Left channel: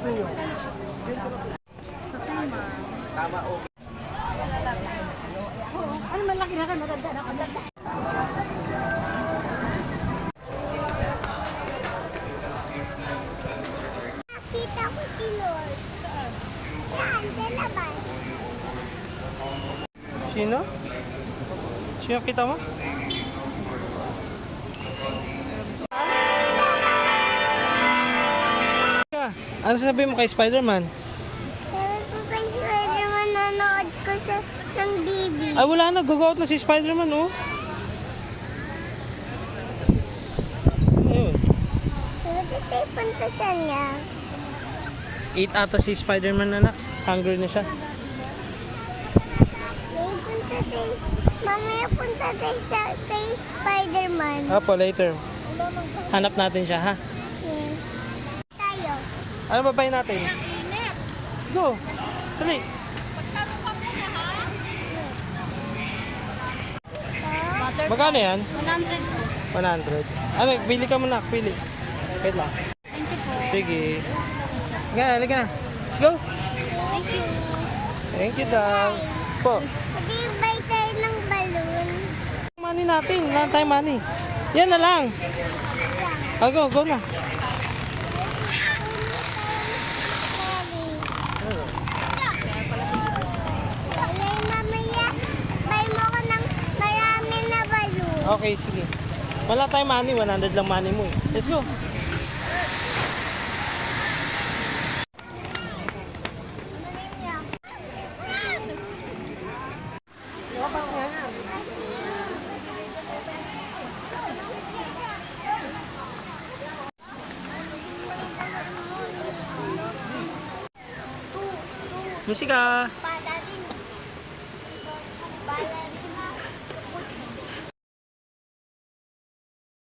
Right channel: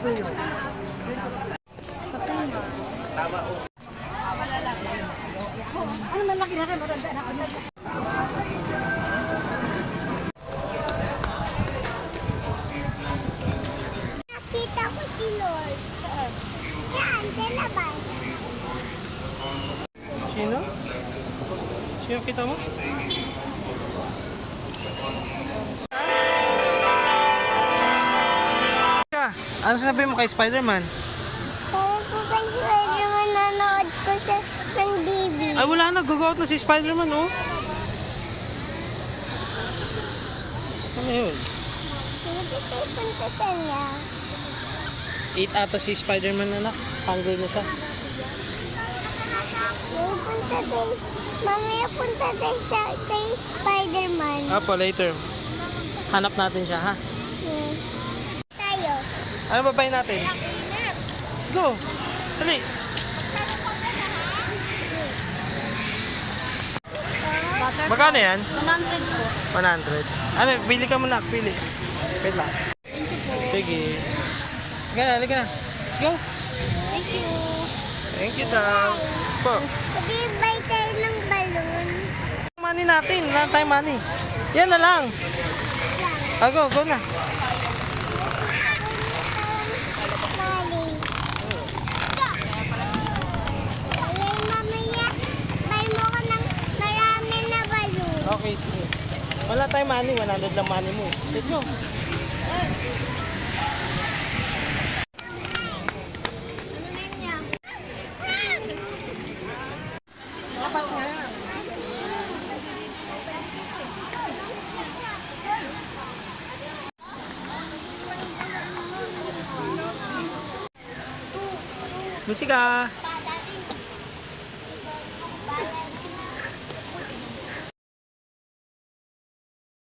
gusto niyo? Tama o. Ano malaki na kayo? Matanda na matanda. Nakita ko si Lord. Yan, dalaban. Sino? Sino kita mo? Ano sasabihin mo kay Spider-Man? Pero po ba si manonood ko ng TV? Ay wala na, go out na si Spider-Man oh. Ano yun? Hindi tayo puntasan niya. 8 ata si Spider-Man anak. Hungry na siya. Mamaya punta tayo kay Spider-Man. Apo, later. Hanap natin siya ha. Yes. Tayo. Ano babayin natin? Let's go. Dali. Magkano yan? 100. Ano, pili ka muna, pili. Wait lang. Sige. Halika na. Let's go. Thank you daw. Po. Mag-ibay tayo ng balloon. Money natin. Wala tayong money. Yan na lang. Go na. Okay, sige. Wala tayong money. 100 lang money mo. Let's go. Dapat nga. Musika.